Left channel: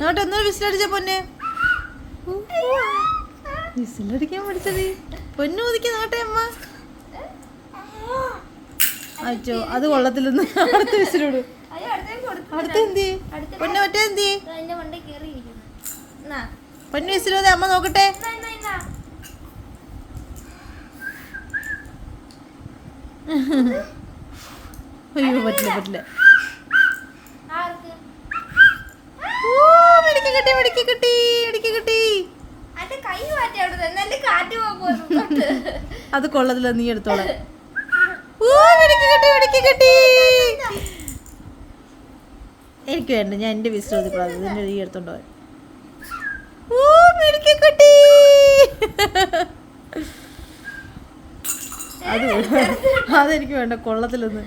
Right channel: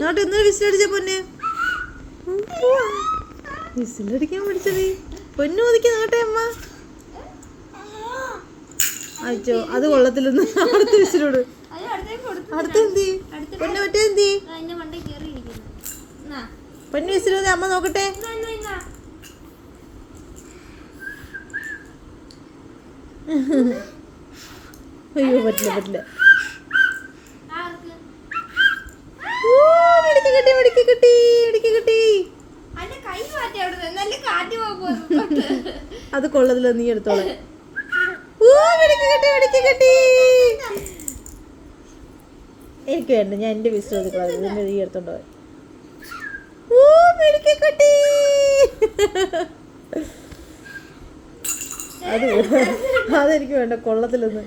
നോട്ടെ ഒന്നും വിസിലടിച്ച പൊന്നെ. വിസിലടിക്കാൻ പഠിച്ചത് പൊന്നു ഒതുക്കി നോട്ടെ അമ്മ. അയ്യോ അത് കൊള്ളത്തില്ലെന്ന്. അടുത്ത വിസിലോട് അടുത്ത എന്തി പൊന്നു ഒറ്റ എന്തി പൊന്നു വിസിലൂടെ അമ്മ നോക്കട്ടെ. അയ്യോ പറ്റില്ല പറ്റില്ല. അത് കൊള്ളത്തില്ല, നീ എടുത്തോളാം. എനിക്ക് വേണ്ട, ഞാൻ എന്റെ വിസിൽ ഒതുക്കണം. നീ എടുത്തോണ്ട് പോയി. അതെനിക്ക് വേണ്ട, കൊള്ളത്തില്ലെന്ന്.